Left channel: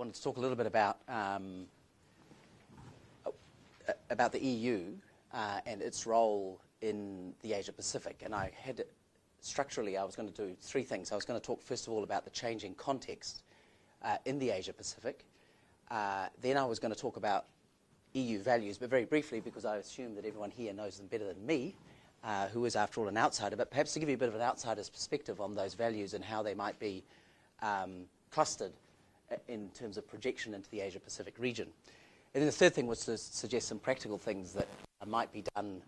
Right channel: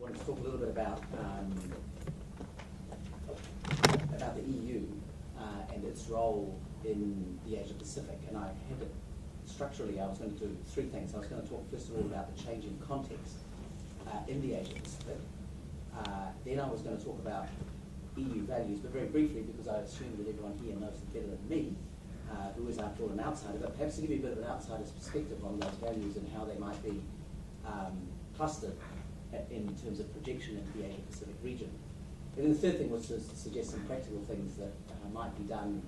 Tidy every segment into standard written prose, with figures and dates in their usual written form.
wanted to talk a little bit about the EU and its role in the Asia-Pacific. And I had to, structurally, I was going to do three things. I was going to talk, first of all, about the changing context in the Asia-Pacific. Then I was going to talk about EU values, but very briefly, because I assume that everyone here knows them better than me, who is, after all, an outsider, but perhaps to give you a bit of an outsider's perspective on those values and how they might be clustered in terms of projection into the Asia-Pacific region. And then the third thing was to suggest some practical things that might be done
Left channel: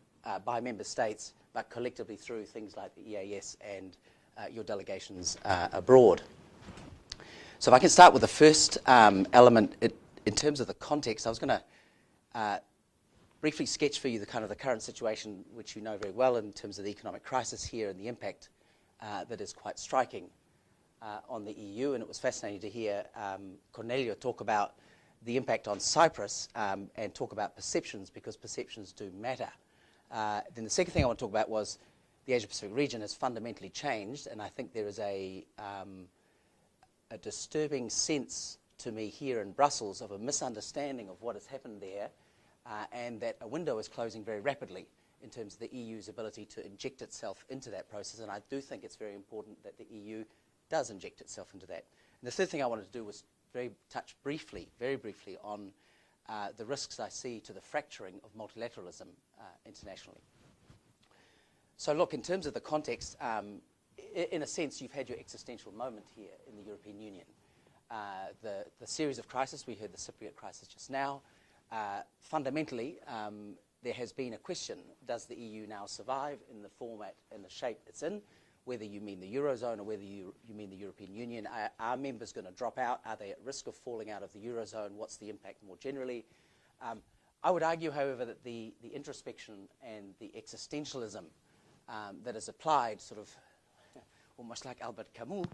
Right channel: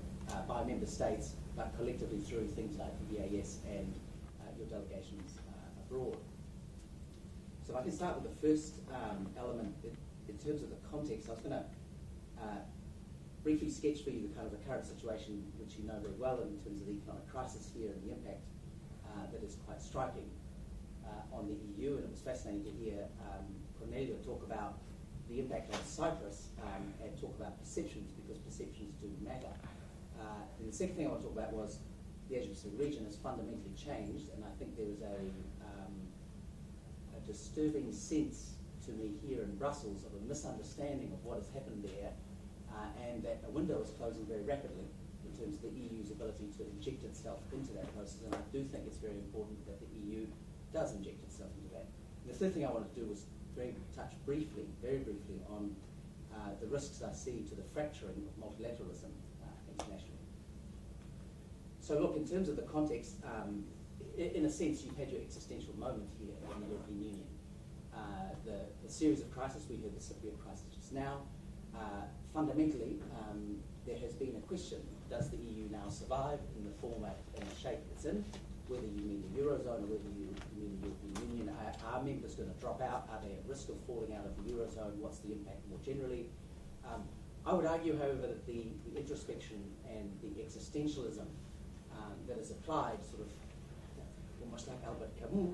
by member states, but collectively through things like the EAS and your delegations abroad. So if I can start with the first element, in terms of the context, I was going to briefly sketch for you the current situation, which you know very well, in terms of the economic crisis here and the impact that is quite striking on the EU. And it was fascinating to hear Cornelio talk about the impact on Cyprus and talk about perceptions, because perceptions do matter. Then the second thing I want to talk about was the Asia-Pacific region has fundamentally changed, and I think there is a disturbing sense to me here in Brussels of a misunderstanding of what has happened there, and that a window is closing very rapidly in terms of the EU's ability to inject itself into that process. And I do think it's very important that the EU does inject itself into that. And the third thing I wanted to do was touch very briefly on the risks I see to the fracturing of multilateralism internationally. So look, in terms of the context, in a sense, you've had your existential moment here in the European Union. The series of crises, we heard the Cypriot crisis just now. Fundamentally, there has been a question: does the EU now survive in the format and the shape it's in? Whether you mean the Eurozone or whether you mean the European Union, are members going to drop out? Are they at risk of falling out of the Eurozone? What's the impact more generally? I would argue, however, that the introspection and the existentialism that is applied, sort of almost like Albert Camus,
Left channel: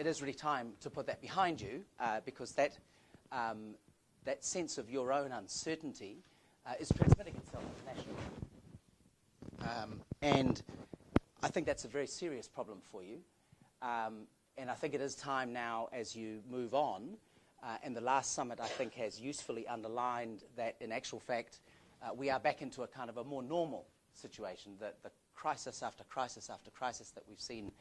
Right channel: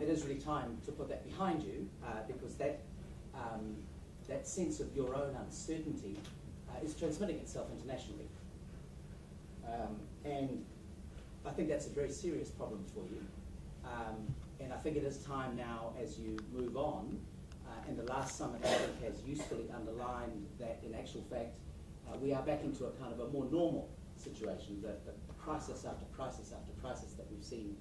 it is really time to put that behind you, because that sense of your own uncertainty is transmitting itself internationally. And I think that's a very serious problem for you. And I think it is time now, as you move on, and the last summit, I think, has usefully underlined that, in actual fact, we are back into a kind of a more normal situation. The crisis after crisis after crisis that we've seen,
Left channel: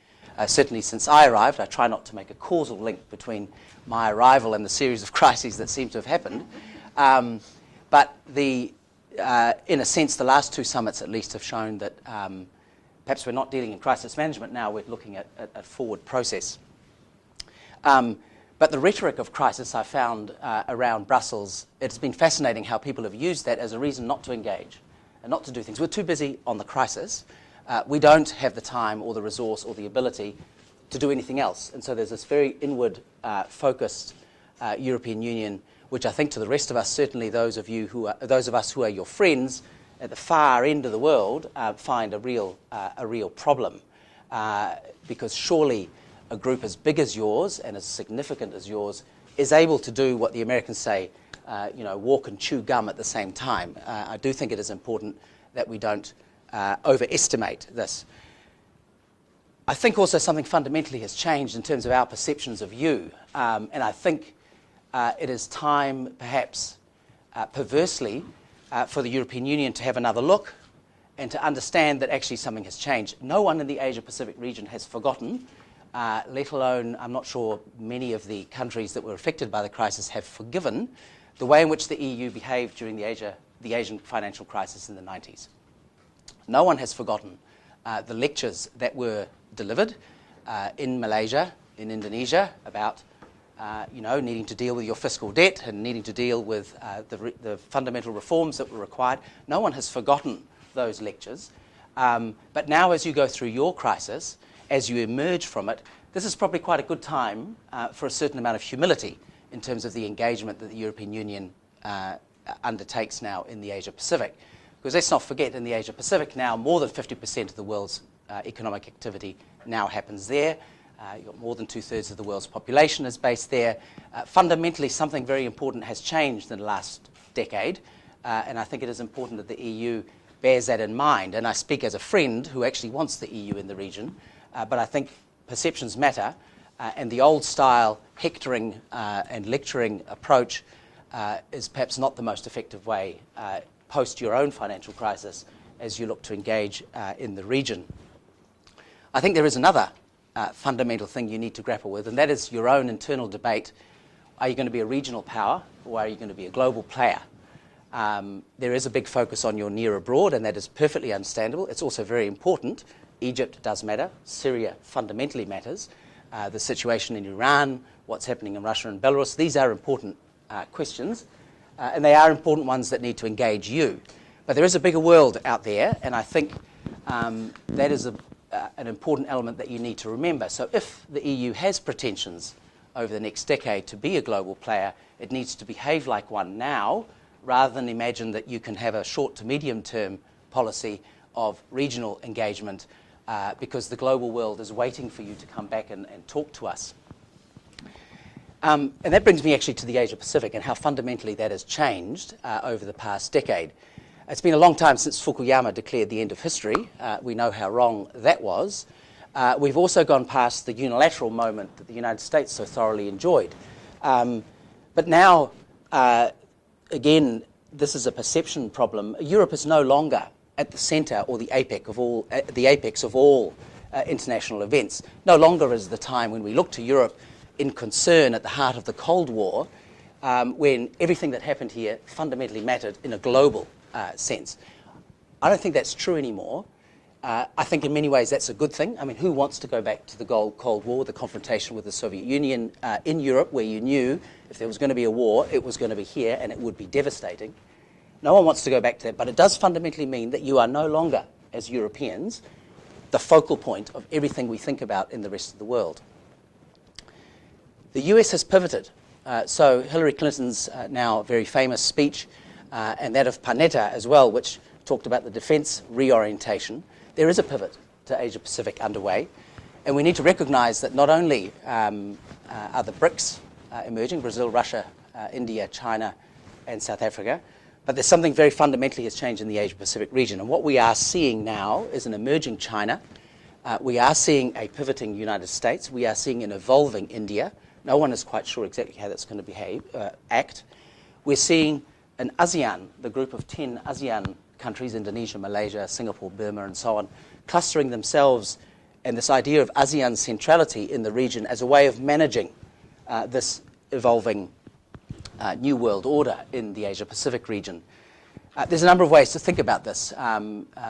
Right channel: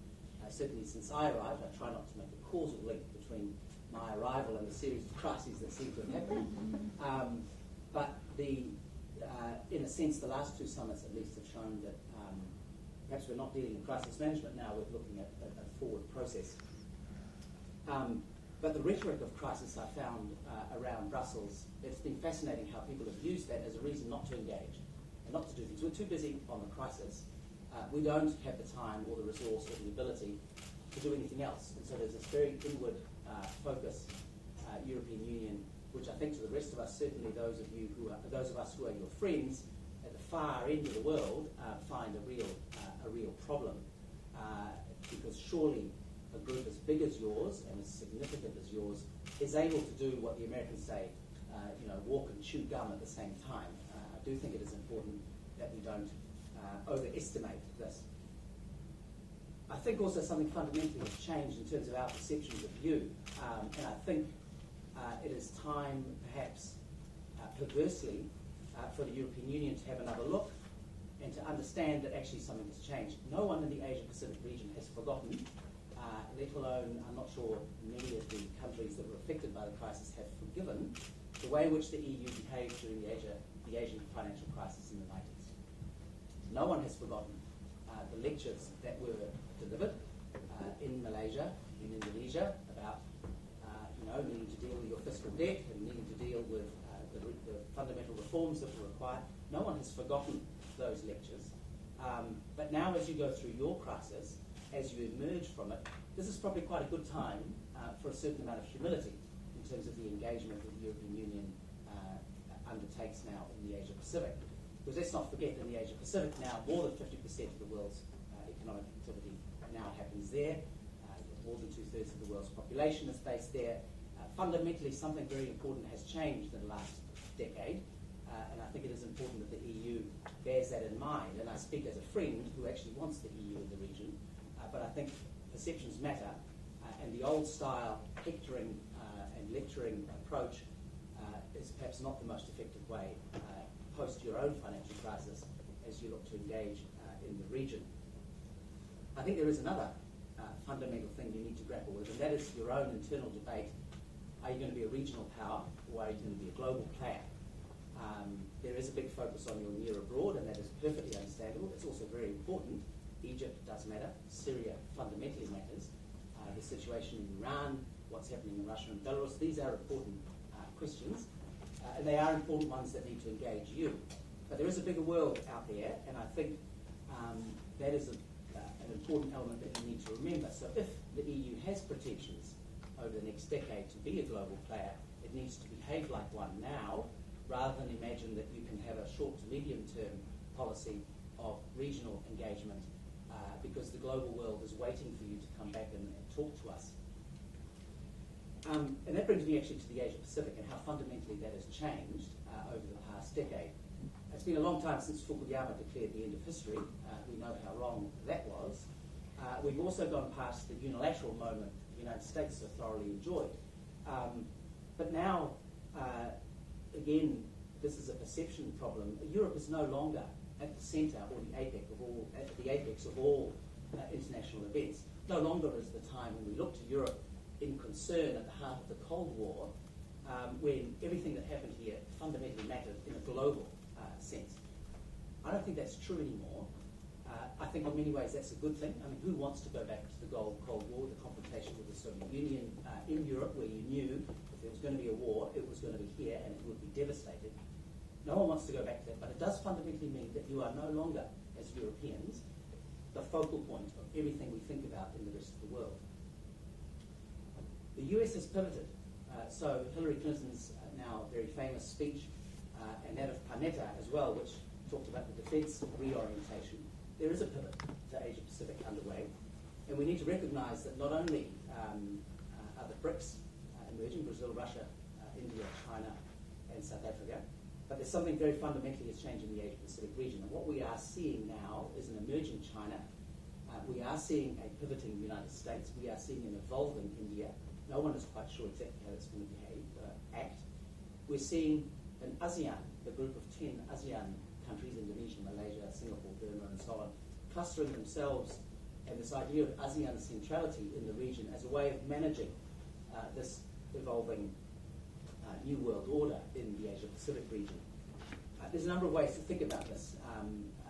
certainly since I arrived. I try not to make a causal link between my arrival and the series of crises that seem to have happened. But in a sense, the last two summits at least have shown that perhaps we're not dealing in crisis management now, we're looking at a forward process. But the rhetoric of crisis I found around Brussels, it's been fascinating how people have used that as a reason not to engage and not to do things. We're too busy on the crisis. We don't have the time or the resource or the ability to do anything else. And so there's this very inward focused European Union, which I think to the rest of us, certainly those of us who are your friends at the far end of the world, find a real problem, because surely a group as big as yours and as significant as yours is able to do what the Americans say, walk and chew gum at the same time. I do think it is important that we don't overestimate this. I think also something fundamentally has changed in terms of our perceptions of you, and I think it is time, perhaps perversely, for the European Union to have another look and to understand that actually something has changed. No one in the Asia-Pacific region has forgotten, let alone, I'm not sure many of the countries that were affected by the crisis have forgiven the way in which the EU behaved during the Asian financial crisis in the 90s. No one has forgotten the lectures that were delivered in Malaysia, in Indonesia, about needing to deal with your fiscal debt and needing to deal with the fundamental reforms that were required. No one has forgotten those lectures. But now, as you go through your crisis, as you emerge from it, this is probably quite a good time for a certain amount of humility in terms of the engagement that the European Union undertakes now in the Asia-Pacific. Because let's not forget, in the Asia-Pacific now, more than 50% of the world's economic activity now happens there. You've got more than 2/3 of the world's population is based there. Fundamentally, something very important has changed in the last decade, and I think it is important that the EU bears that in mind. And I speak as a friend who actually wants the EU in the region, but I think perceptions matter, And the old style hectoring and lecturing approach is perhaps not the most effective way post your own financial crisis as you look to engage in the region. I think there is another fundamental thing you need to grapple with, and that is your own internal debate. Are you going to be a regional power, or are you going to be a global player? There is a big focus on your near abroad, and that is perfectly understandable. It's also very important. Egypt does matter. Syria fundamentally matters. The situation in Iran, what's happening in Russia and Belarus, these are important questions, and they are important ones that need to engage you. But there is a bigger world out there, and I think that is an important element that you need to remember. So if the EU has pretensions over the next decade to be a global player, it needs to behave like one now, rather than imagine that you can have a short to medium term policy of regional engagement because the global world is waiting for you to come back and talk to us. And that brings me actually to the Asia-Pacific and how fundamentally that has changed over the past decade. It's been a long time since Fukuyama declared the end of history. We know how wrong that was. We've also gone past the unilateral moment that the United States so thoroughly enjoyed. But now, again, this is a perception problem. Europe is no longer at the centre or the apex of all international events. No longer is the time when we look to Europe in concern at the heart of the Cold War, when everything that happened here fundamentally mattered in a global sense. I don't think that's true anymore. I think in many ways that's a good thing. I mean, who wants to go back to the Cold War, the confrontation with the Soviet Union in Europe, where you knew if there was going to be a war, it was going to be here and it would be devastating. No one wants to go back to that, but it does fundamentally mean that you are no longer, as Europeans, the focal point of everything we think about in the rest of the world. The US has pivoted. So Hillary Clinton's now very famous speech, and that of Panetta as well, which talked about the defense reorientation, there is a pivot to Asia-Pacific underway. And we need to recognize that not only are the BRICS emerging, Brazil, Russia, India, China, and South Africa, but there's something very fundamentally has changed in the Asia-Pacific region. And what we are seeing now is an emerging China. We are seeing a pivoting United States. We are seeing an evolving India. No one is quite sure exactly how that's going to act. We're seeing an ASEAN, the group of 10 ASEAN countries, Indonesia, Malaysia, Singapore, Burma, and so on, clustering themselves and this idea of ASEAN centrality in the region as a way of managing this evolving new world order in the Asia-Pacific region. There's a number of ways to think about this.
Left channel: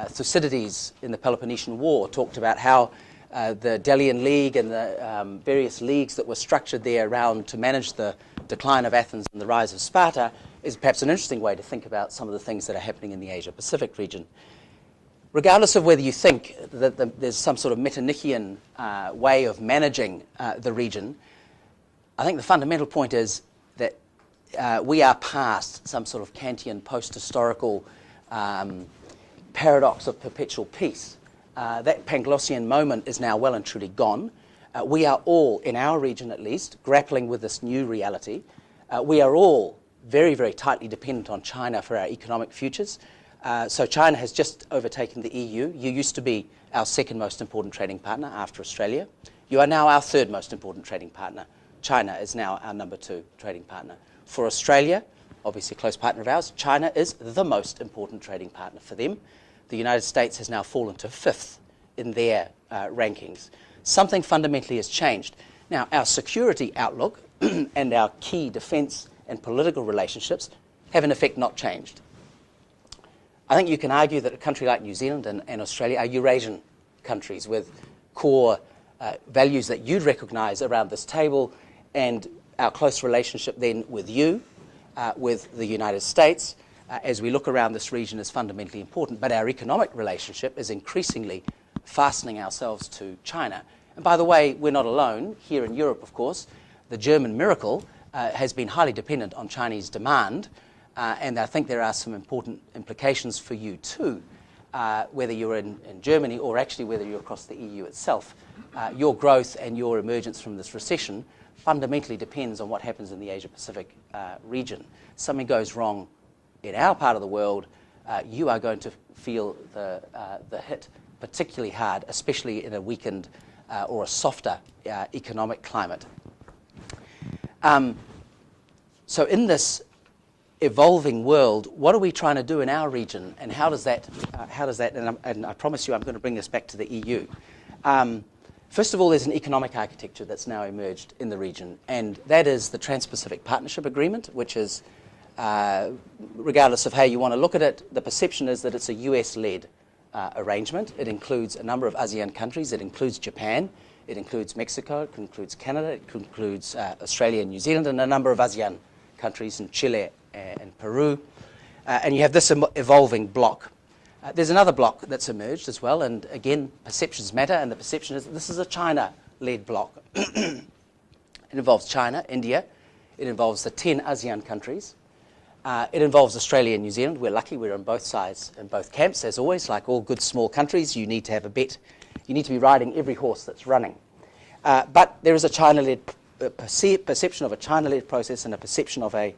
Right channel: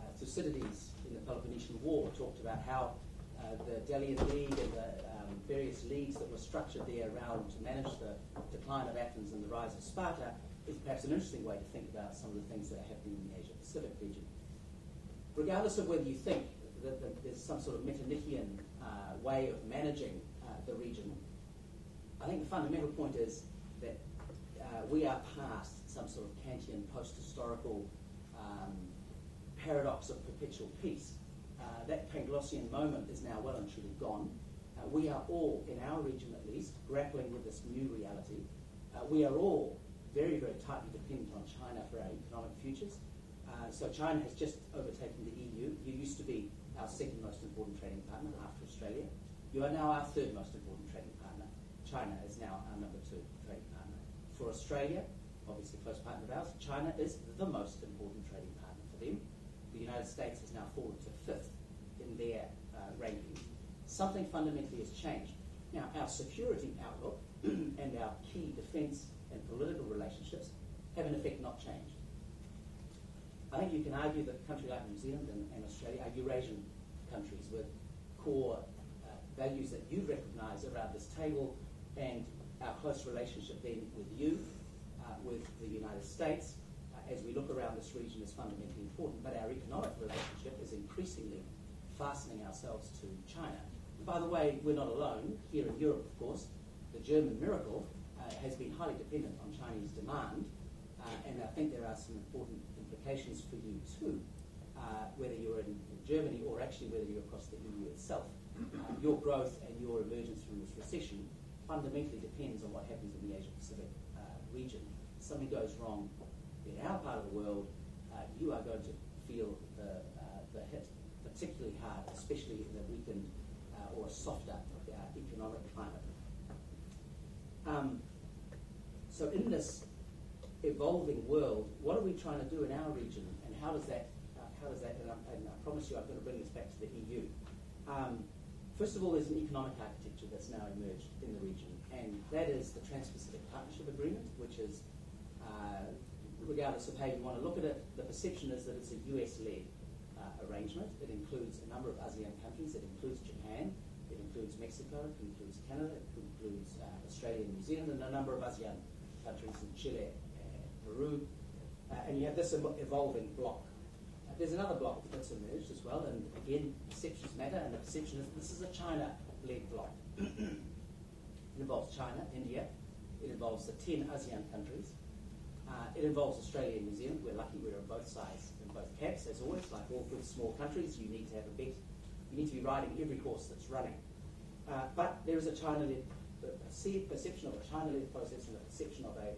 Thucydides in the Peloponnesian War talked about how the Delian League and the various leagues that were structured there around to manage the decline of Athens and the rise of Sparta is perhaps an interesting way to think about some of the things that are happening in the Asia-Pacific region. Regardless of whether you think that there's some sort of Metternician way of managing the region, I think the fundamental point is that we are past some sort of Kantian post-historical paradox of perpetual peace. That Panglossian moment is now well and truly gone. We are all, in our region at least, grappling with this new reality. We are all very, very tightly dependent on China for our economic futures. So China has just overtaken the EU. You used to be our second most important trading partner after Australia. You are now our third most important trading partner. China is now our number 2 trading partner. For Australia, obviously a close partner of ours, China is the most important trading partner for them. The United States has now fallen to 5th in their rankings. Something fundamentally has changed. Now, our security outlook and our key defence and political relationships have in effect not changed. I think you can argue that a country like New Zealand and Australia are Eurasian countries with core values that you'd recognise around this table, and our close relationship then with you, with the United States, as we look around this region is fundamentally important. But our economic relationship is increasingly fastening ourselves to China. And by the way, we're not alone. Here in Europe, of course, the German miracle has been highly dependent on Chinese demand, and I think there are some important implications for you too, whether you're in Germany or actually whether you're across the EU itself. Your growth and your emergence from this recession fundamentally depends on what happens in the Asia-Pacific region. Something goes wrong in our part of the world, you are going to feel the hit particularly hard, especially in a weakened or a softer economic climate. So in this evolving world, what are we trying to do in our region, and how does that, and I promise you I'm going to bring this back to the EU. First of all, there's an economic architecture that's now emerged in the region, and that is the Trans-Pacific Partnership Agreement, which is, regardless of how you want to look at it, the perception is that it's a US-led arrangement. It includes a number of ASEAN countries. It includes Japan. It includes Mexico. It includes Canada. It includes Australia and New Zealand, and a number of ASEAN countries in Chile and Peru. And you have this evolving bloc. There's another bloc that's emerged as well, and again, perceptions matter, and the perception is that this is a China-led bloc. It involves China, India. It involves the 10 ASEAN countries. It involves Australia and New Zealand. We're lucky we're on both sides in both camps. As always, like all good small countries, you need to have a bet. You need to be riding every horse that's running. But there is a China-led perception of a China-led process and a perception of a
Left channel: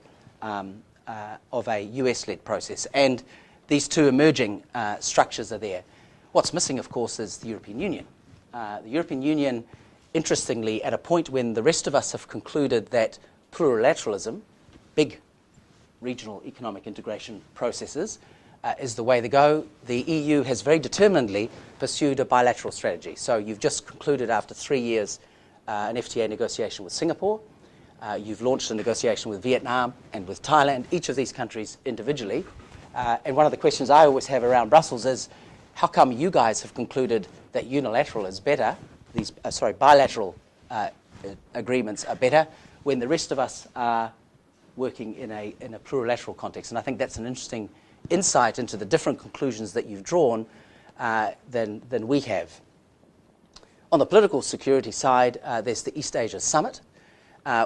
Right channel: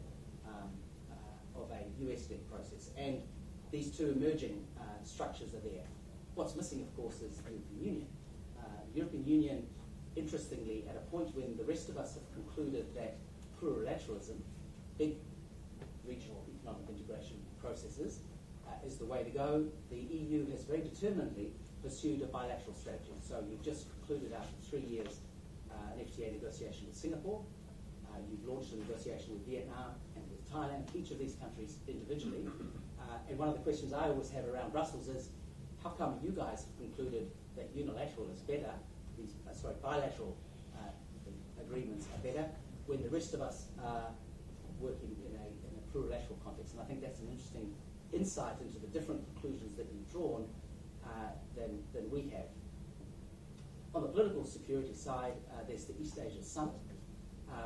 US-led process. And these two emerging structures are there. What's missing, of course, is the European Union. The European Union, interestingly, at a point when the rest of us have concluded that plurilateralism, big regional economic integration processes, is the way to go, the EU has very determinedly pursued a bilateral strategy. So you've just concluded, after 3 years, an FTA negotiation with Singapore. You've launched a negotiation with Vietnam and with Thailand, each of these countries individually. And one of the questions I always have around Brussels is, how come you guys have concluded that unilateral is better, these bilateral agreements are better, when the rest of us are working in a plurilateral context? And I think that's an interesting insight into the different conclusions that you've drawn than we have. On the political security side, there's the East Asia Summit,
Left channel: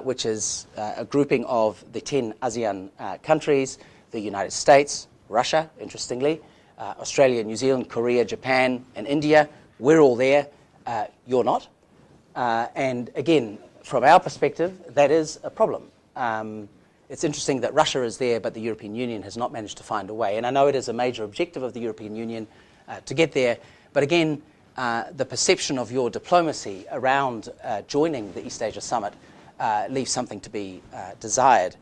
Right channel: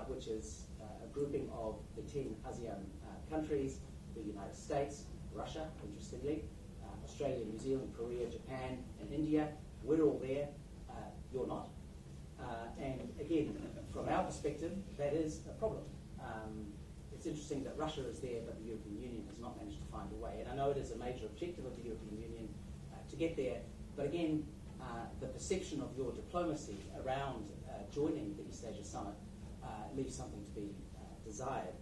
which is a grouping of the 10 ASEAN countries, the United States, Russia, interestingly, Australia, New Zealand, Korea, Japan, and India. We're all there. You're not. And again, from our perspective, that is a problem. It's interesting that Russia is there, but the European Union has not managed to find a way. And I know it is a major objective of the European Union to get there. But again, the perception of your diplomacy around joining the East Asia Summit leaves something to be desired.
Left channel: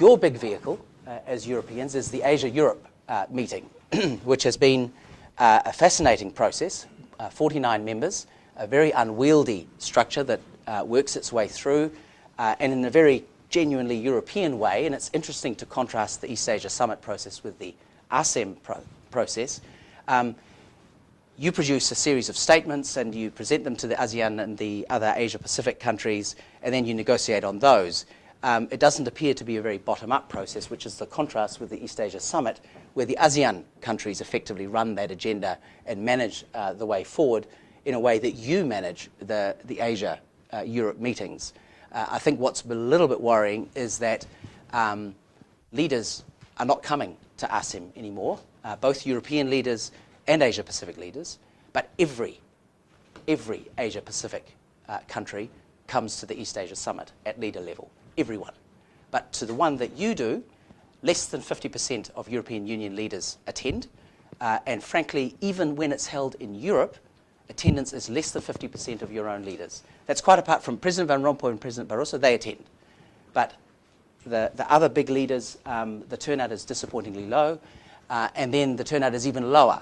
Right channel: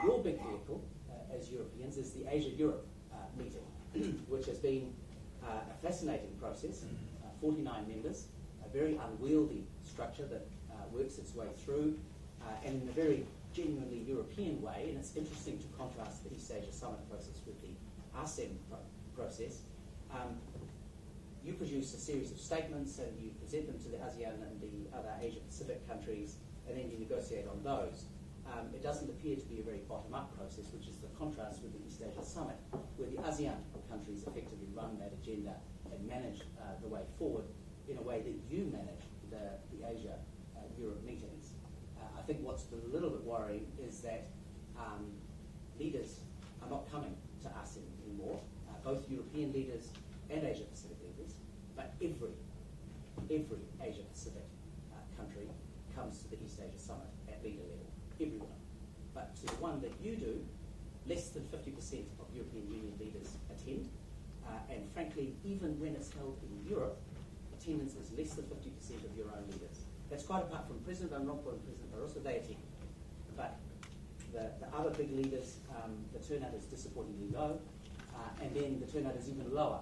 Your big vehicle, as Europeans, is the Asia-Europe meeting, which has been a fascinating process, 49 members, a very unwieldy structure that works its way through, and in a very genuinely European way. And it's interesting to contrast the East Asia Summit process with the ASEM process. You produce a series of statements and you present them to the ASEAN and the other Asia-Pacific countries, and then you negotiate on those. It doesn't appear to be a very bottom-up process, which is the contrast with the East Asia Summit, where the ASEAN countries effectively run that agenda and manage the way forward in a way that you manage the Asia-Europe meetings. I think what's a little bit worrying is that leaders are not coming to ASEM anymore, both European leaders and Asia-Pacific leaders, but every Asia-Pacific country comes to the East Asia Summit at leader level, everyone. But to the one that you do, less than 50% of European Union leaders attend, and frankly, even when it's held in Europe, attendance is less than 50% of your own leaders. That's quite apart from President Van Rompuy and President Barroso, they attend. But the other big leaders, the turnout is disappointingly low, and then the turnout is even lower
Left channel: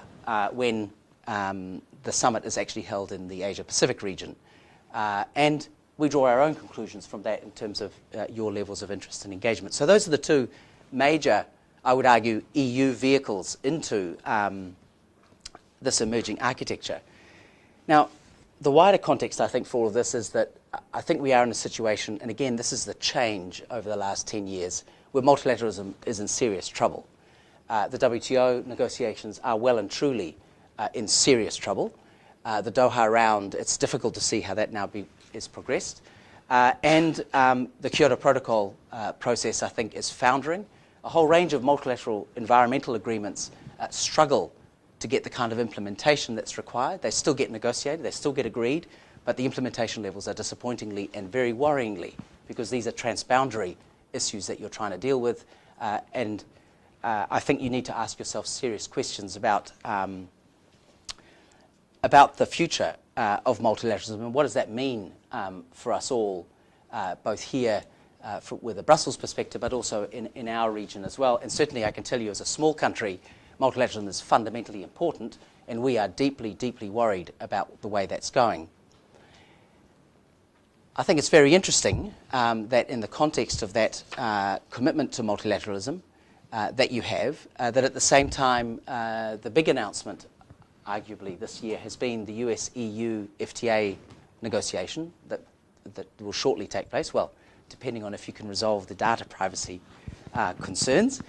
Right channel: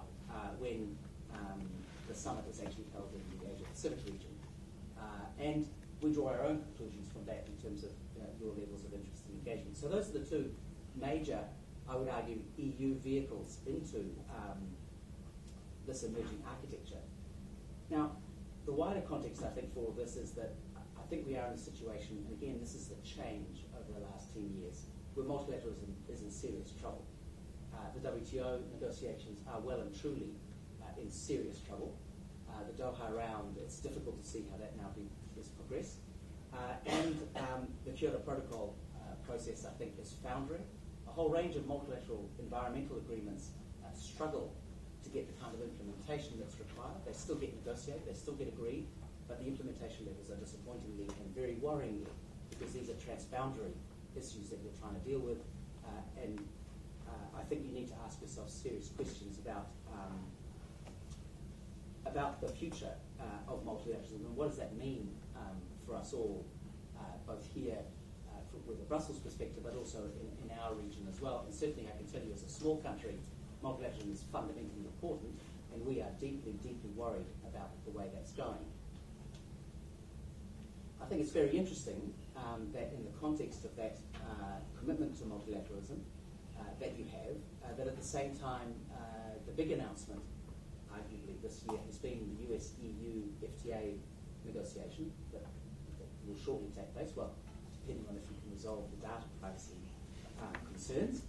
when the summit is actually held in the Asia-Pacific region. And we draw our own conclusions from that in terms of your levels of interest and engagement. So those are the two major, I would argue, EU vehicles into this emerging architecture. Now, the wider context, I think, for all of this is that I think we are in a situation, and again, this is the change over the last 10 years, where multilateralism is in serious trouble. The WTO negotiations are well and truly in serious trouble. The Doha round, it's difficult to see how that now is progressed. And the Kyoto Protocol process, I think, is foundering. A whole range of multilateral environmental agreements struggle to get the kind of implementation that's required. They still get negotiated, they still get agreed, but the implementation levels are disappointingly and very worryingly, because these are transboundary issues that you're trying to deal with. And I think you need to ask yourself serious questions about the future of multilateralism, and what does that mean for us all, both here with a Brussels perspective, but also in our region as well. And certainly I can tell you as a small country, multilateralism is fundamentally important, and we are deeply, deeply worried about the way that's going. I think it's very interesting that in the context of that commitment to multilateralism that you have, that at the same time the big announcement, arguably this year, has been the US-EU-FTA negotiation that will shortly take place, well, depending on if you can resolve the data privacy concerns.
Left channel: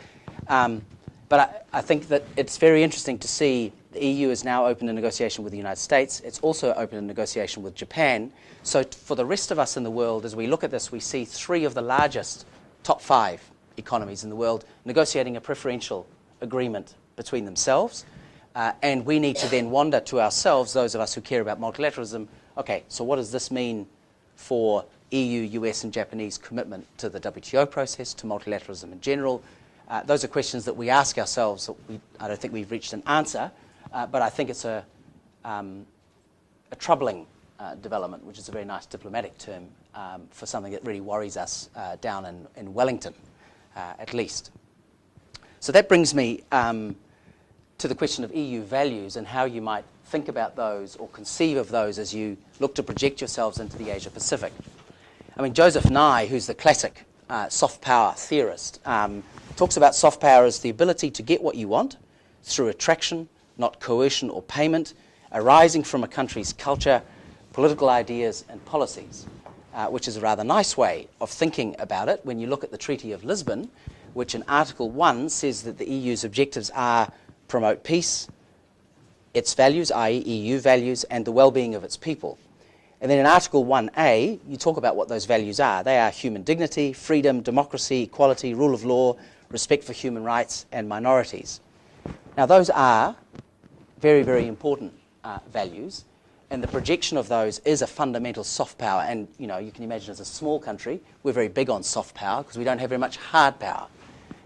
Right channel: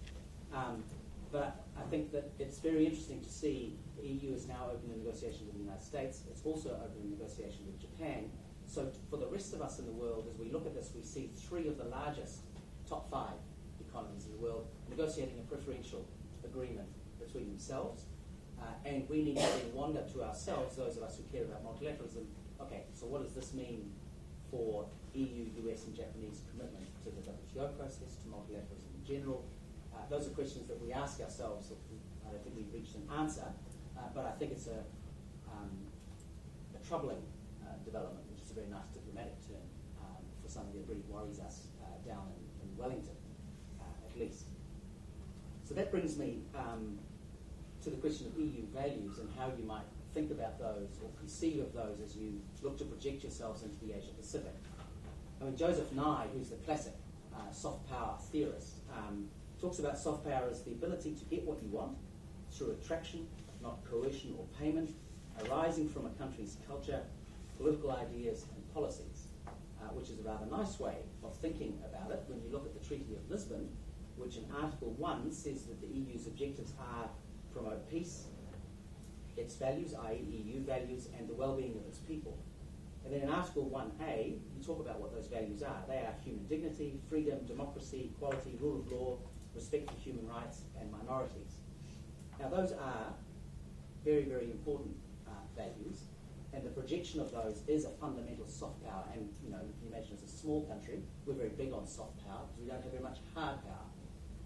But I think that it's very interesting to see the EU is now open to negotiation with the United States. It's also open to negotiation with Japan. So for the rest of us in the world, as we look at this, we see 3 of the largest top 5 economies in the world negotiating a preferential agreement between themselves. And we need to then wonder to ourselves, those of us who care about multilateralism, okay, so what does this mean for EU, US, and Japanese commitment to the WTO process, to multilateralism in general? Those are questions that we ask ourselves. I don't think we've reached an answer, but I think it's a troubling development, which is a very nice diplomatic term for something that really worries us down in Wellington, at least. So that brings me to the question of EU values and how you might think about those or conceive of those as you look to project yourselves into the Asia-Pacific. I mean, Joseph Nye, who's the classic soft power theorist, talks about soft power as the ability to get what you want through attraction, not coercion or payment, arising from a country's culture, political ideas and policies, which is a rather nice way of thinking about it when you look at the Treaty of Lisbon, which in Article 1 says that the EU's objectives are promote peace, its values, i.e. EU values, and the well-being of its people. And then in Article 1A, you talk about what those values are. They are human dignity, freedom, democracy, equality, rule of law, respect for human rights and minorities. Now those are very, very important values, and the projection of those is a fundamental soft power. And you know, you can imagine as a small country, we're very big on soft power because we don't have very much hard power.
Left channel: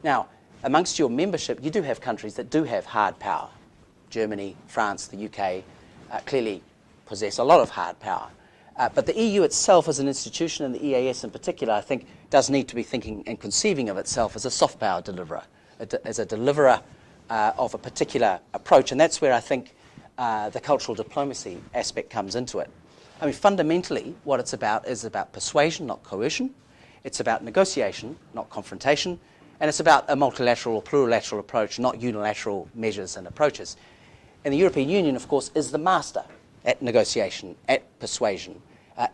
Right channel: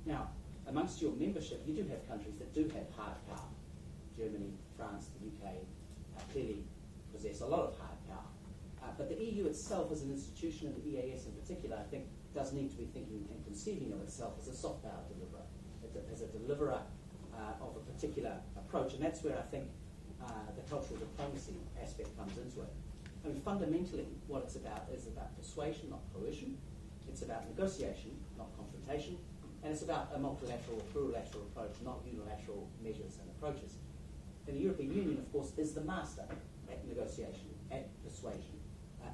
Now, amongst your membership, you do have countries that do have hard power. Germany, France, the UK clearly possess a lot of hard power. But the EU itself as an institution, and the EAS in particular, I think, does need to be thinking and conceiving of itself as a soft power deliverer, as a deliverer of a particular approach. And that's where I think the cultural diplomacy aspect comes into it. I mean, fundamentally, what it's about is about persuasion, not coercion. It's about negotiation, not confrontation. And it's about a multilateral or plurilateral approach, not unilateral measures and approaches. And the European Union, of course, is the master at negotiation, at persuasion.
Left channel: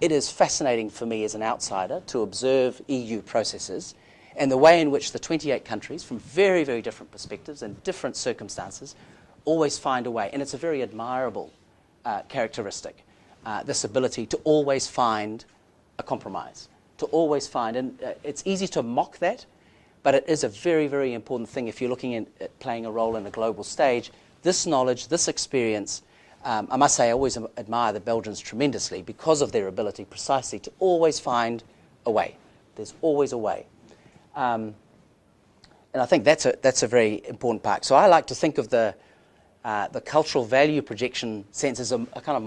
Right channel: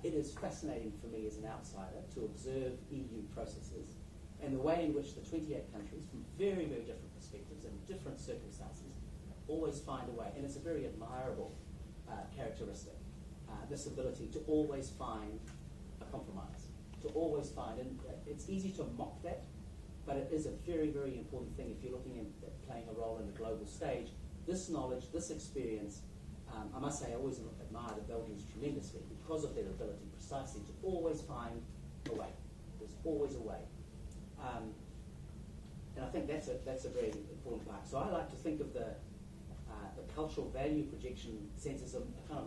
It is fascinating for me as an outsider to observe EU processes and the way in which the 28 countries, from very, very different perspectives and different circumstances, always find a way. And it's a very admirable characteristic, this ability to always find a compromise, to always find, and it's easy to mock that, but it is a very, very important thing if you're looking at playing a role in a global stage. This knowledge, this experience, I must say I always admire the Belgians tremendously because of their ability precisely to always find a way. There's always a way. And I think that's a very important part. So I like to think of the cultural value projection sense as a kind of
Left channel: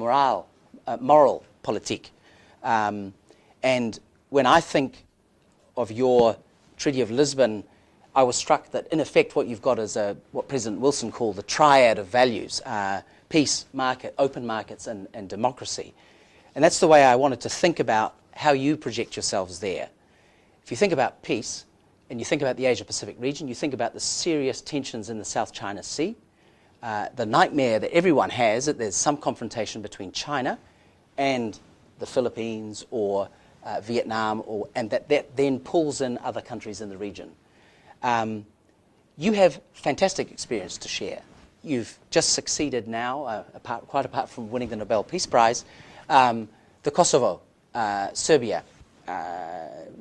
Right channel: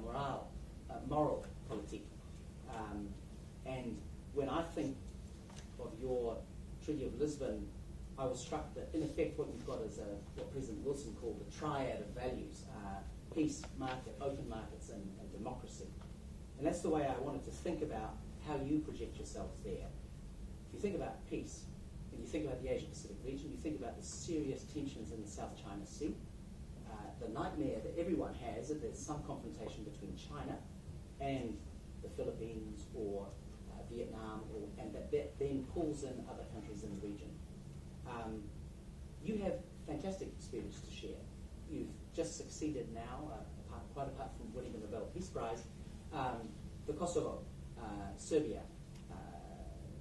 moral politique. And when I think of your Treaty of Lisbon, I was struck that in effect what you've got is what President Wilson called the triad of values, peace, market, open markets, and democracy. And that's the way I wanted to think about how you project yourselves there. If you think about peace, and you think about the Asia-Pacific region, you think about the serious tensions in the South China Sea, the nightmare that everyone has that there's some confrontation between China and the Philippines or Vietnam, and that then pulls in other countries in the region. You have fantastic experience to share. You've just succeeded now, quite apart from winning the Nobel Peace Prize, the Kosovo, Serbia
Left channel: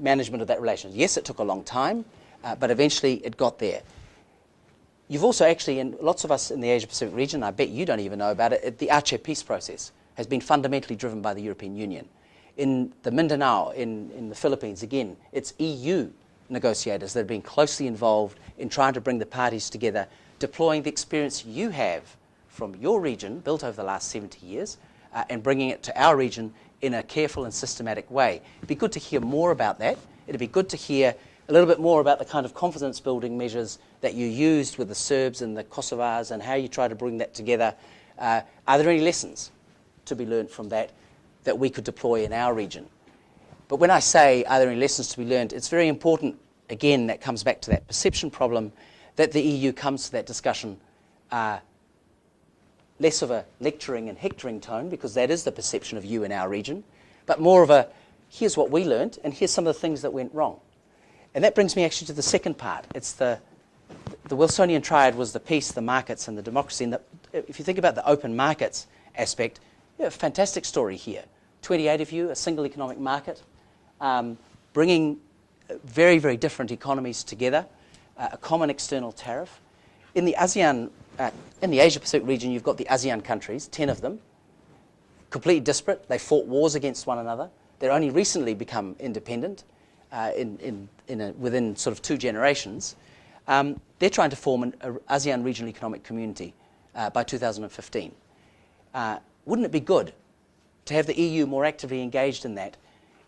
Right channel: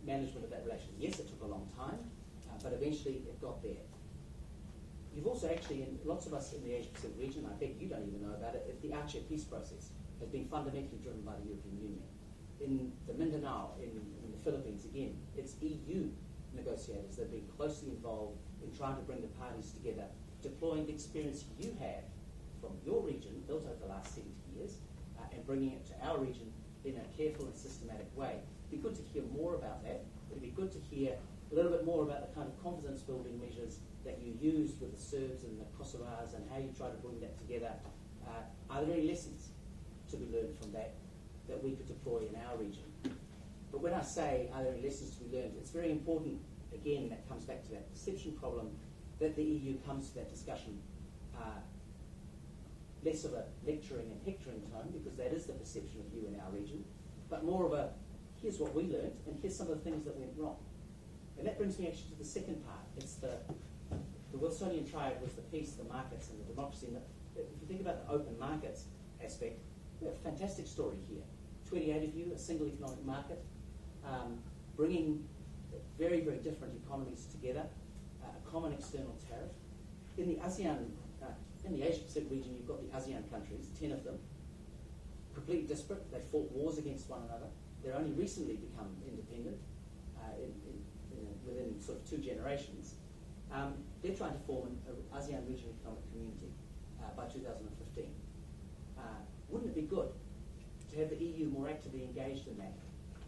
management of that relationship. Yes, it took a long time, but eventually it got there. You've also actually, and lots of us in the Asia-Pacific region, I bet you don't even know about it, the Aceh peace process has been fundamentally driven by the European Union. In the Mindanao, in the Philippines, again, it's EU negotiators that have been closely involved in trying to bring the parties together, deploying the experience you have from your region, built over the last 70 years, and bringing it to our region in a careful and systematic way. It'd be good to hear more about that. It'd be good to hear a little bit more about the kind of confidence-building measures that you used with the Serbs and the Kosovars and how you try to bring that together. Are there any lessons to be learned from that that we could deploy in our region? But when I say, are there any lessons to be learned, it's very important, again, that comes back to that perception problem, that the EU comes to that discussion less of a lecturing and hectoring tone, because that is the perception of you in our region, but more of a, here's what we learned, and here's some of the things that went wrong. And that brings me actually to the second part. It's the Wilsonian triad was the peace, the markets, and the democracy. And if you think about the open markets aspect, a fantastic story here. 28 of you, a single economic market, bringing very, very different economies together, a common external tariff. In the ASEAN, in the Asia-Pacific region, you've got the ASEAN countries, 10 of them, completely disparate. They fought wars against one another. They're only recently become independent within sort of 2 generations. They're trying to form an ASEAN Regional Economic Community by 2015. Wouldn't it be good to have the EU more actively engaged in that,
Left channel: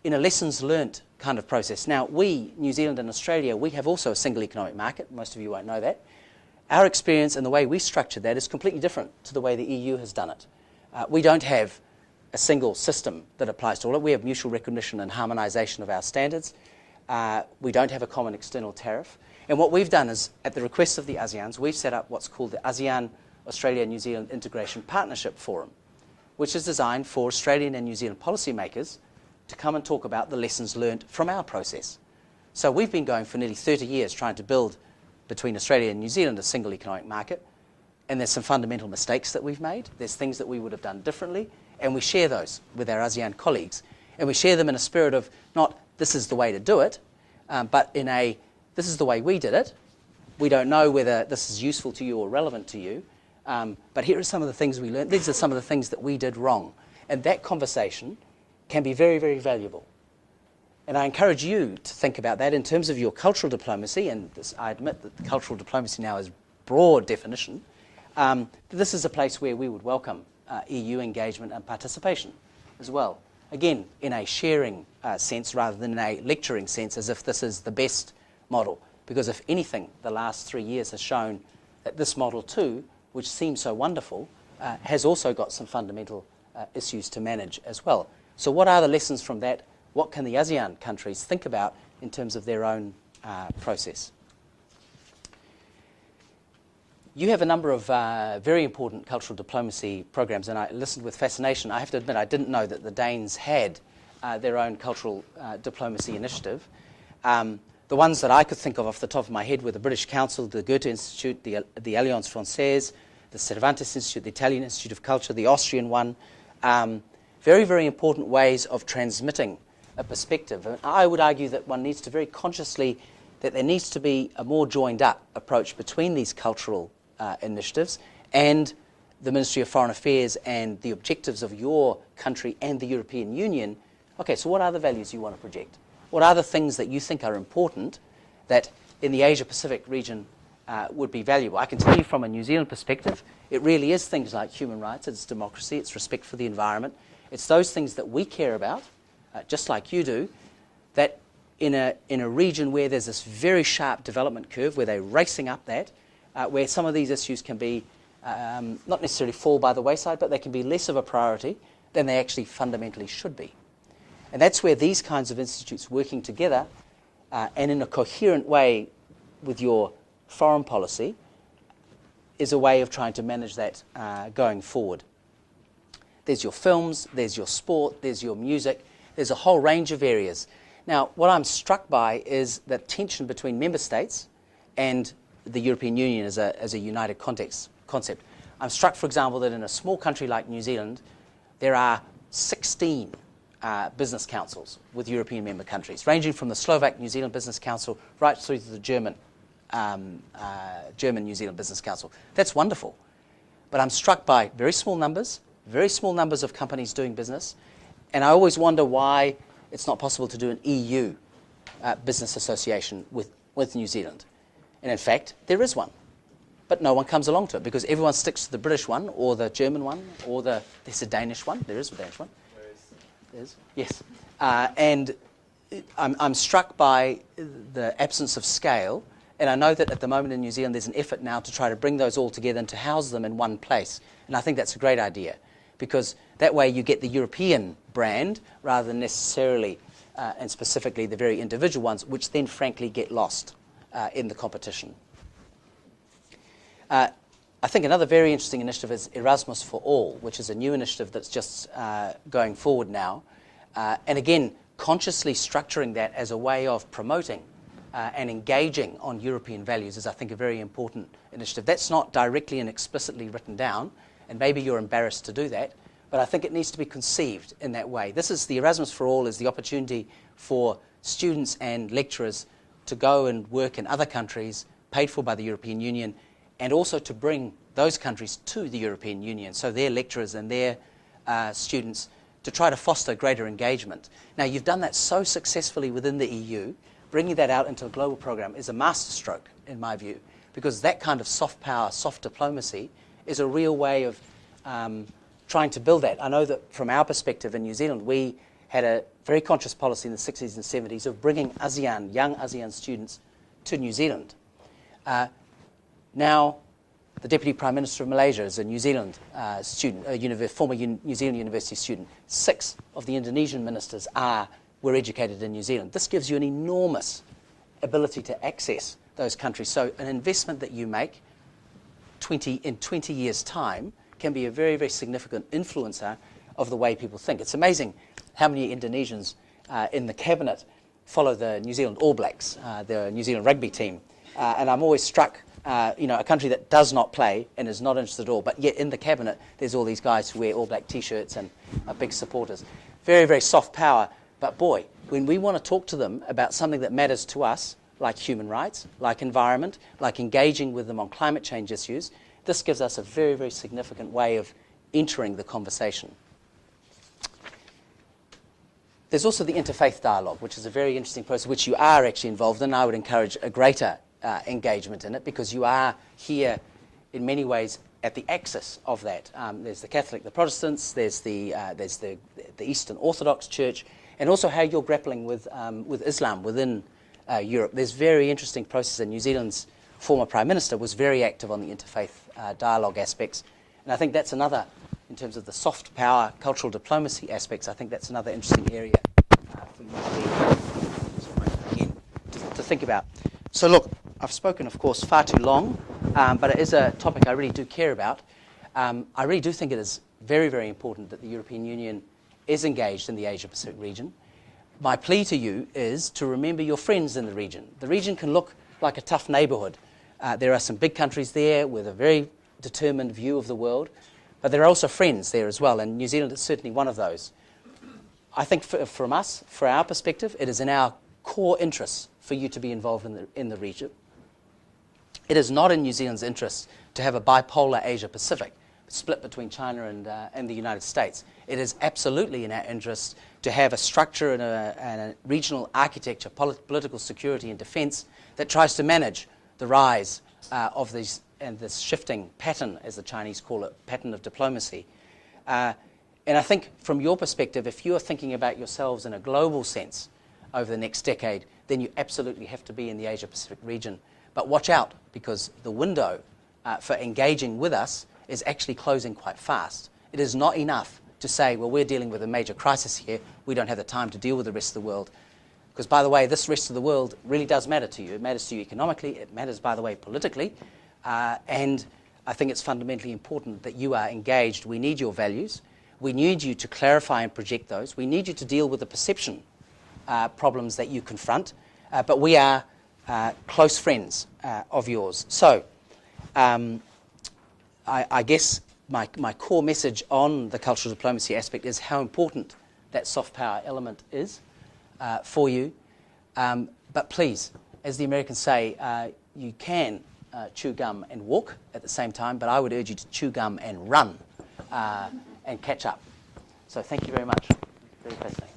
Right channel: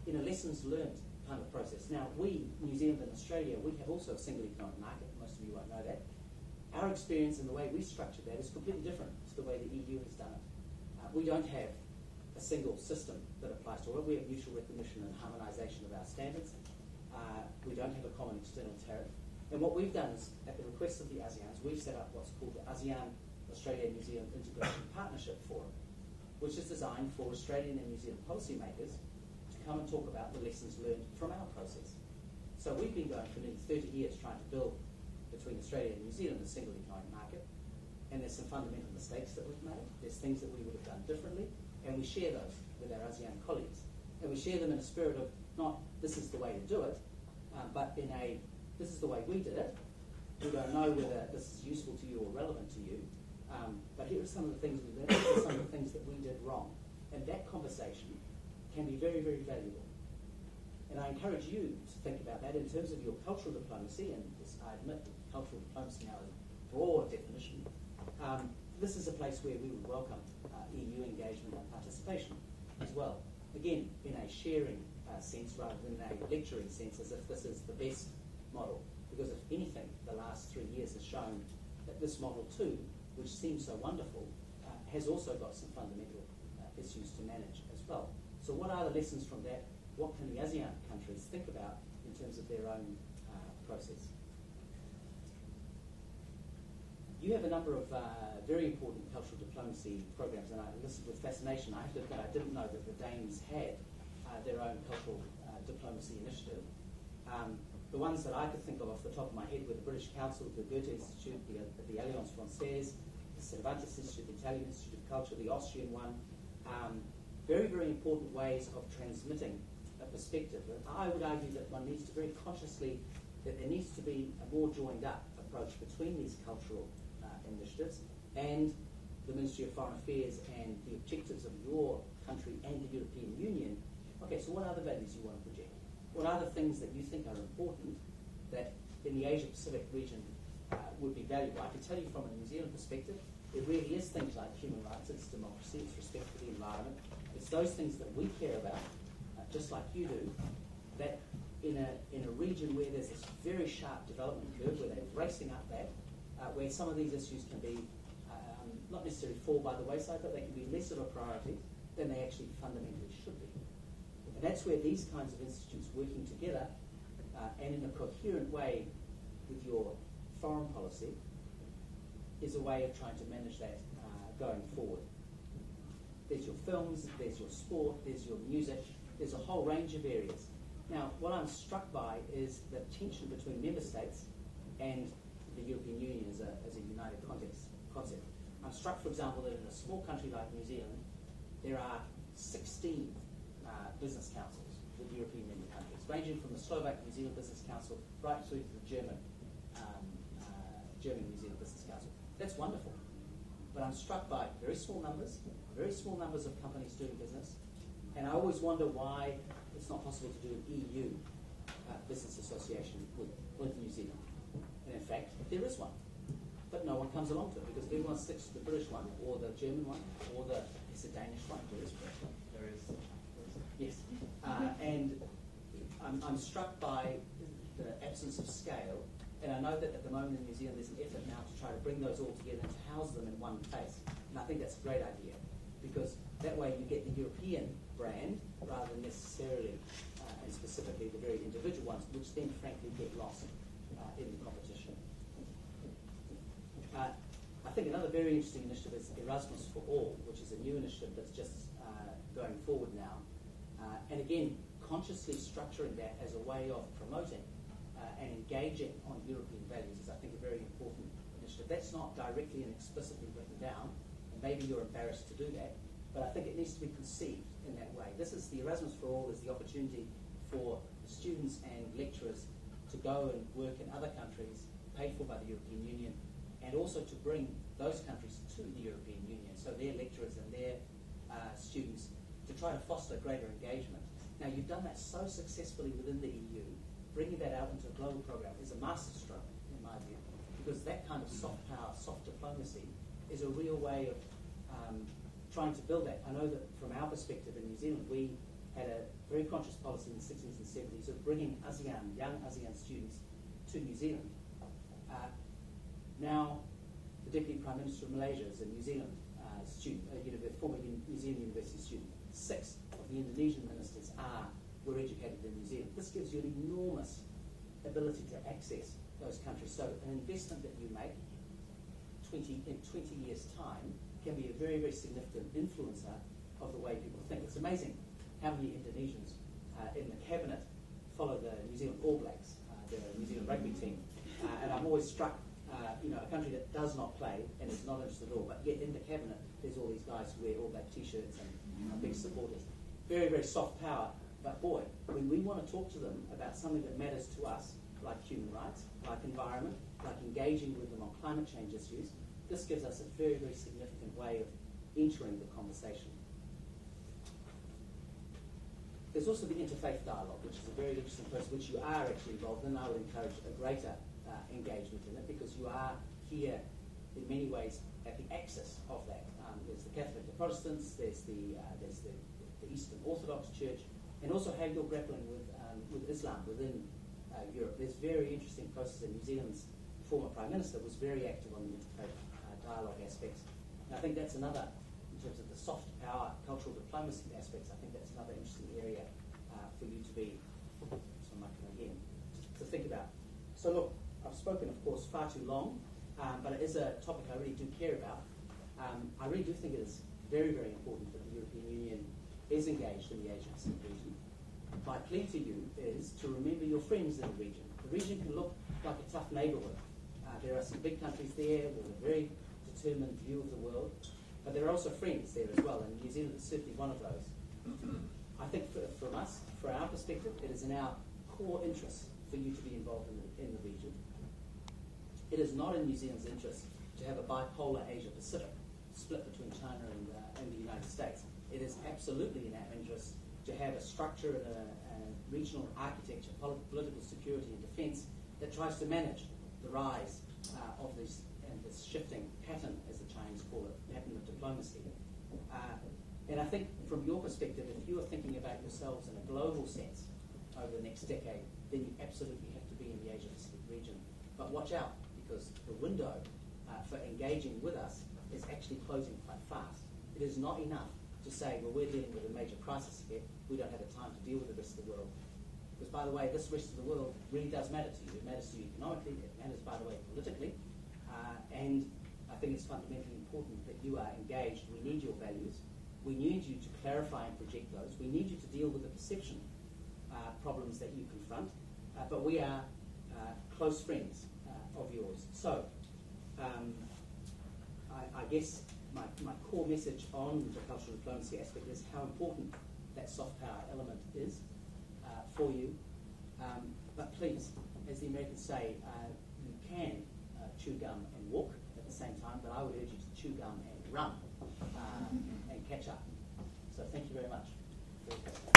in a lessons learnt kind of process? Now, we, New Zealand and Australia, we have also a single economic market. Most of you won't know that. Our experience and the way we structured that is completely different to the way the EU has done it. We don't have a single system that applies to all of it. We have mutual recognition and harmonisation of our standards. We don't have a common external tariff. And what we've done is, at the request of the ASEANs, we've set up what's called the ASEAN Australia-New Zealand Integration Partnership Forum, which is designed for Australian and New Zealand policymakers to come and talk about the lessons learned from our process. So we've been going for nearly 30 years trying to build between Australia and New Zealand a single economic market, and there's some fundamental mistakes that we've made. There's things that we would have done differently, and we share those with our ASEAN colleagues. And we share them in a spirit of not, this is the way to do it, but in a, this is the way we did it. We don't know whether this is useful to you or relevant to you, but here are some of the things we learned. These are some of the things that we did wrong. And that conversation can be very, very valuable. And I encourage you to think about that in terms of your cultural diplomacy, and I admit that cultural diplomacy now is broad definition. This is a place where we would welcome EU engagement and participation as well. Again, in a sharing sense rather than in a lecturing sense, as if this is the best model. Because if anything, the last 3 years has shown that this model too, which seems so wonderful, has also got some fundamental issues to manage as well. So what are the lessons from that? What can the ASEAN countries think about in terms of their own process? You have a number of very important cultural diplomacy programs, and I listened with fascination. I have to admit, I didn't know that the Danes had their own cultural diplomacy initiative. The ones that I could think of off the top of my head were the British Council, the Goethe Institute, the Alliance Française, the Cervantes Institute, the Italian Institute of Culture, the Austrian one. Very, very important ways of transmitting a perspective. And I would argue that one needs to very consciously, that there needs to be a more joined up approach between these cultural initiatives and the Ministry of Foreign Affairs and the objectives of your country and the European Union. Okay, so what are the values you want to project? What are the things that you think are important that in the Asia-Pacific region would be valuable? I can tell you from a New Zealand perspective, it really is things like human rights, it's democracy, it's respect for the environment. It's those things that we care about, just like you do, that in a region where there's this very sharp development curve, where they're racing up that, where some of these issues can be not necessarily fall by the wayside, but they can be less of a priority than they actually fundamentally should be. And that's where these kinds of institutes working together and in a coherent way with your foreign policy is a way of trying to manage that going forward. There's your films, there's your sport, there's your music, there's a whole range of areas. Now, what I'm struck by is the tension between member states and the European Union as a united concept. I'm struck, for example, that in a small country like New Zealand, there are 16 business councils with European member countries, ranging from the Slovak New Zealand Business Council right through to the German New Zealand Business Council. That's wonderful. But I'm struck by very small numbers of companies doing business, and I always wonder why it's not possible to do an EU business association with New Zealand. And in fact, there is one. but no one comes along to it because everyone sticks to the British one or the German one or there's a Danish one. There is a Danish one. There is. Yes. And I'm struck by the absence of scale, and I know that at the moment in New Zealand there's an effort now to try to bring those all together and to house them in one place. And I think that's a great idea because that way you get the European brand rather than necessarily and specifically the very individual ones, which then frankly get lost in the competition. I think another very interesting initiative is Erasmus for All, which is a new initiative that's just going forward now. And again, consciously structuring that as a way of promoting and engaging on European values is, I think, a very important initiative. That's not directly and explicitly written down, and maybe you're embarrassed to do that, but I think it needs to be conceived in that way. This is the Erasmus for All is the opportunity for students and lecturers to go and work in other countries paid for by the European Union, and also to bring those countries to the European Union, so their lecturers and their students, to try to foster greater engagement. Now, you've done that so successfully within the EU. Bringing that out into a global program is a masterstroke, in my view, because that kind of soft power, soft diplomacy is a real way of trying to build that. I know that from our perspective in New Zealand, we had a very conscious policy in the 60s and 70s of bringing ASEAN, young ASEAN students to New Zealand. Now, the Deputy Prime Minister of Malaysia is a New Zealand student, a former New Zealand university student. 6 of the Indonesian ministers were educated in New Zealand. This gives you an enormous ability to access those countries. So an investment that you make in 20 years' time can be a very, very significant influencer of the way people think. It's amazing how many Indonesians in the cabinet follow the New Zealand All Blacks, the New Zealand rugby team. And I'm always struck, a country that does not play and is not interested at all, but yet in the cabinet there's all these guys who wear All Black T-shirts and are big supporters. Very, very soft power, but boy, when we want to talk to them about something that matters to us, like human rights, like environment, like engaging with them on climate change issues, this gives us a very, very significant way of entering the conversation. There's also the interfaith dialogue, which is a very interesting process, which you are actually involved in. I would encourage a greater engagement in it, because you are here in many ways at the axis of that. There's the Catholic, the Protestants, there's the Eastern Orthodox Church, and also how you're grappling with Islam within Europe. There's very interesting process, and New Zealand's former Prime Minister was very active on the interfaith dialogue aspects. And I think that's another, in terms of the soft power, cultural diplomacy aspects, I think that's another interesting area for you to think about. So look, I've spoken, of course, far too long, but it is a topic I really do care about. I really do think it is very, very important that the European Union is engaged in the Asia-Pacific region. My plea to you is to remember your friends in the region. The region can look like a tough neighbourhood. There are some big countries there with a very determined view of the world, but there are also friends there as well, and New Zealand is certainly one of those. I think from us, for our perspective, it is in our core interests for you to be involved in the region. It is not in New Zealand's interest to have a bipolar Asia-Pacific split between China and the United States. It is absolutely in our interest to have a structure and a regional architecture, political security and defence that tries to manage the rise of these and this shifting pattern, as the Chinese call it, pattern of diplomacy. And I think from your perspective, if you are thinking about yourselves in a global sense over the next decade, then you absolutely have to be in the Asia-Pacific region. But watch out, because the window for engaging with us is actually closing quite fast. It is not enough to say, well, we're dealing with a major crisis here, we don't have the time to deal with the rest of the world. Because, by the way, this rest of the world really does matter to you. It matters to you economically, it matters, by the way, politically, and I think it's fundamentally important that you are engaged. We need your values. We need you to clarify and project those. We need you to deal with the perception problems that you confront, but we are close friends of yours. So I guess my core message on the cultural diplomacy aspect is how important that soft power element is for you. But please, as the Americans say, you can chew gum and walk at the same time, but I would urge you to chew gum and run and catch up. So thank you very much. Very fascinating.